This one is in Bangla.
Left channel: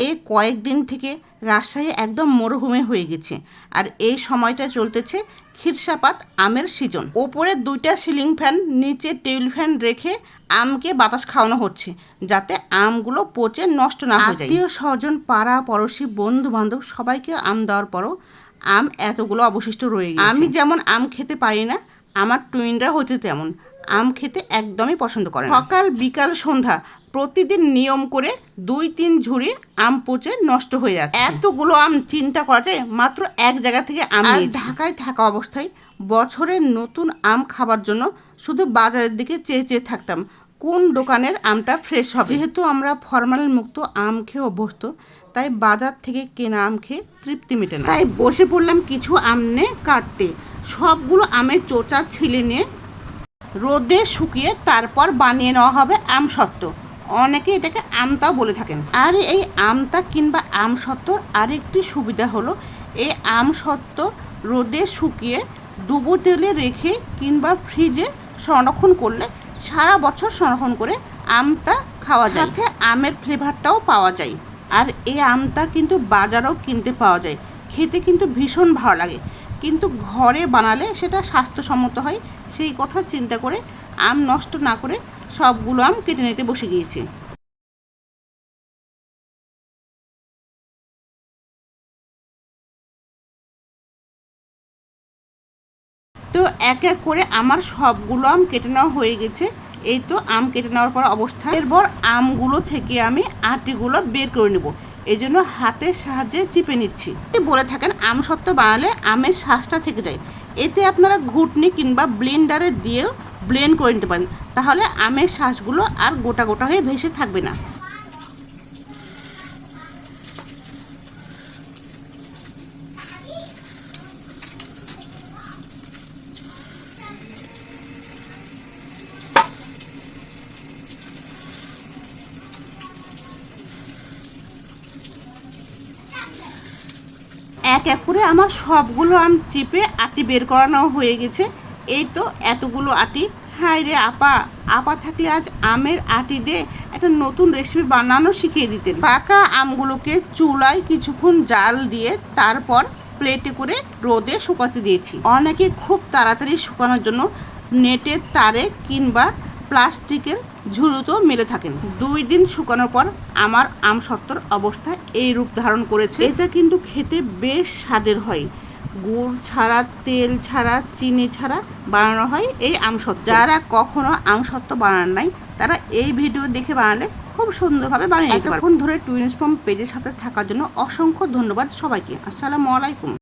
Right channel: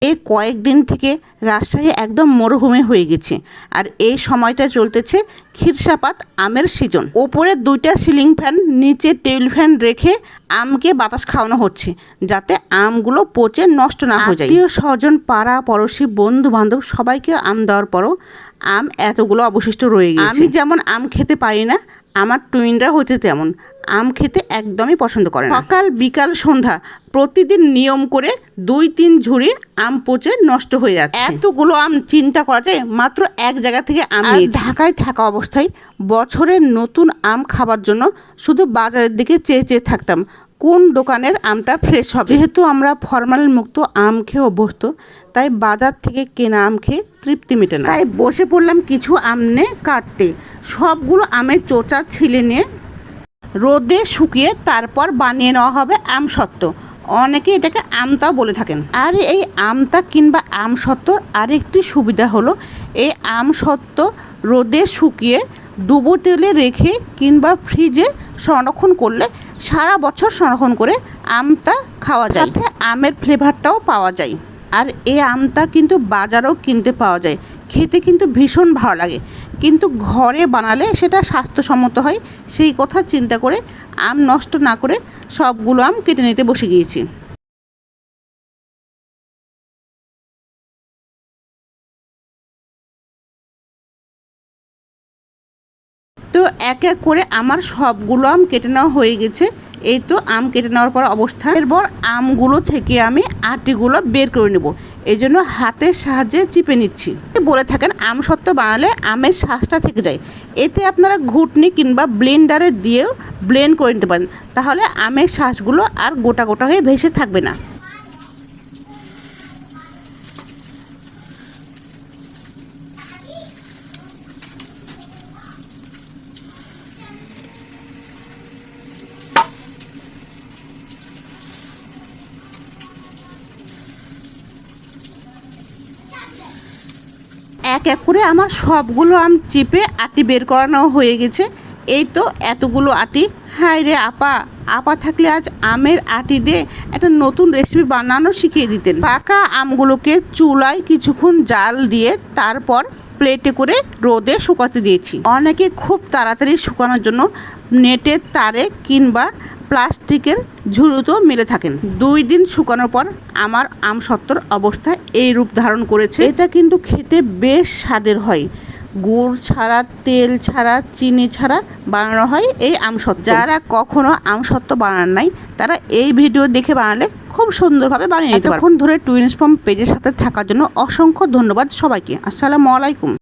এই কয়েকদিন থেকে রাজশাহী একদম মরুভূমি হয়ে গেছে। আর এই সময়টা চলতেছে খিরসাপাত আমের সিজন। ওপরে দুইটা সিলিং ফ্যান নিচে টেবিল ফ্যান রেখে আমকে বাতাস খাওয়ানো হচ্ছে যাতে আমগুলো পচে নষ্ট না হয়ে যায়। আত্মীয় স্বজন পাড়া পড়োশি বন্ধু বান্ধব সবাইকে আম দেওয়ার পরও আম এতগুলো অবশিষ্ট রয়ে গেছে আমি যেমন আম খেতে পারি না আমার টুইনরা হচ্ছে তেমন। আম খেতে একদমই পছন্দ করে সকাল বিকাল সন্ধ্যা প্রতিদিন নিয়ম করে দুই তিন ঝুড়ি আম পচে নষ্ট হয়ে যাচ্ছে। এতগুলো আম চিন্তা করা যায় মাত্র এক জায়গা থেকে আম ঢাকায় থাকা অবস্থায় বছরের নতুন আম খাবার জন্য শুধু বাজারের দিকে চেয়ে চেয়ে থাকতাম। কোন দোকানের আমটা ফ্রেশ হবে? যেহেতু আমরা ফরমালিন মুক্ত আম খেয়ে অভ্যস্ত তাই বাজার থেকে কেনা আম খেয়ে তৃপ্তি মেটে না। তাই বসে পড়লাম কিছু আম নিয়ে কাটতে। সবগুলো আমের চোচা ছিলে নিয়ে রোদে শুকিয়ে তারপর বানিয়ে নেওয়া হবে আম সত্ত্ব। অনেকে এটাকে আমতাও বলে থাকেন। আর এই আমতা কিংবা আম সত্ত্বর আরেকটি সুবিধা হলো এই আম সত্ত্ব রোদে শুকিয়ে ডুবো তেলে রেখে কিংবা ফ্রিজে সংরক্ষণ করলে সারা বছর সংরক্ষণ করে আমটা খাওয়া যায়। সাথে আমের ফ্লেভারটাও পাওয়া যায়। আর এই আমটা কিন্তু বাজারেও কিনতে পাওয়া যায়। খেতে কিন্তু ভীষণ ভালো লাগে। কিন্তু ঘরে বানালে সেটা স্বাস্থ্যসম্মত হয়, সেই কথা চিন্তা করে, আম নষ্ট না করে সবগুলো আম কেটে নিতে বসে গিয়েছি। তো এক এক করে আমার সবগুলো আম কেটে নেওয়া হয়ে গেছে। এই তো আম কেটে নেওয়ার পর অবস্থা। এরপর আমগুলো থেকে আমি আটিগুলো বের করে নেব। এই জন্য হাতের সাহায্যে চিপে নিচ্ছি। বলে থাকেন, আম সত্ত্ব বানালে আমের শ্বাসটা থেকে যায়। এতে আপনারা ঘুটনি কিংবা ব্লেন্ডারে দিয়েও ব্লেন্ড করে নিতে পারেন। তাহলে আমের শ্বাসগুলো আর গোটা গোটা হয়ে ভেসে থাকবে না। এক এক করে আমার সবগুলো আম চিপে আটি বের করানো হয়ে গেছে। এই তো এতগুলো আটি। হাই রে আপা আপা থাকলে আজ আমের আটি দিয়ে একটা নতুন রেসিপি বানানো শিখিয়ে দিতেন। পাকা আমগুলোকে চুলায় কিছুক্ষণ জাল দিয়ে তারপর প্লেটে করে রোদে শুকাতে দিয়েছি। অনেকে খুব তাড়াতাড়ি শুকানোর জন্য নেটের তারে কিংবা প্লাস্টিকের ঝুড়িতেও মেলে থাকেন। দুই দিন শুকানোর পর আমার আম সত্তর অবস্থা এই রূপ ধারণ করেছে। এটা কিন্তু খেতে বেশ স্বাদের হয়। গুড় ছাড়া, তেল ছাড়া, চিনি ছাড়া বানানো হয় এই আমসত্ত্ব। যারা কখনো আমসত্ত্ব বানান নাই, তারা এই ভিডিও দেখে বানালে খুব সুন্দরভাবে বানিয়ে এতক্ষণ ধরে টুইনস ফর্ম পেজের সাথে থাকার জন্য অসংখ্য ধন্যবাদ সবাইকে। আসসালামু আলাইকুম।